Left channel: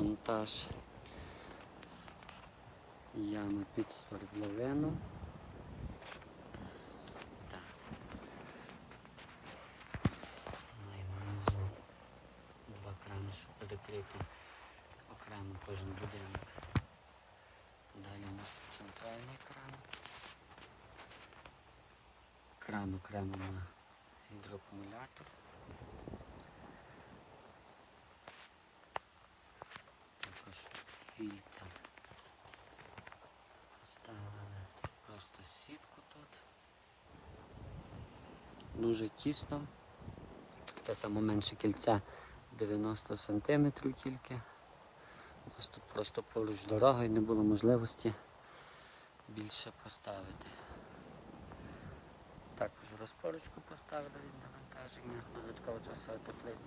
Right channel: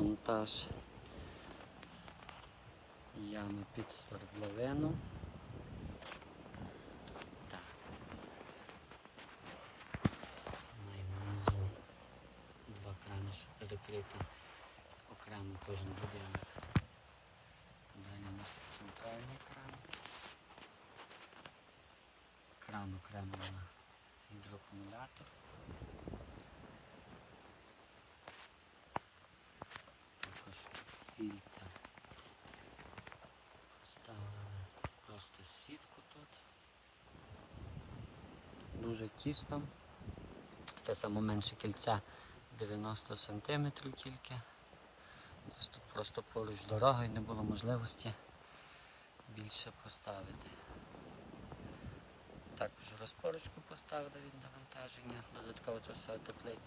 монтаж ями під свердловину. Два крани, щоб перекрити окремо кожен будинок. Далі у нас тут центральний кран. Кран окремо на гідроакумулятор. Фільтр. Поставили просто сітку тут. Дуже тісно. Це саме менше кільця 90 см тільки. Тут просто поруч дорога і не було можливості більше поставити. Також розпорочку поставили від навантаження, додатково це все теплиця.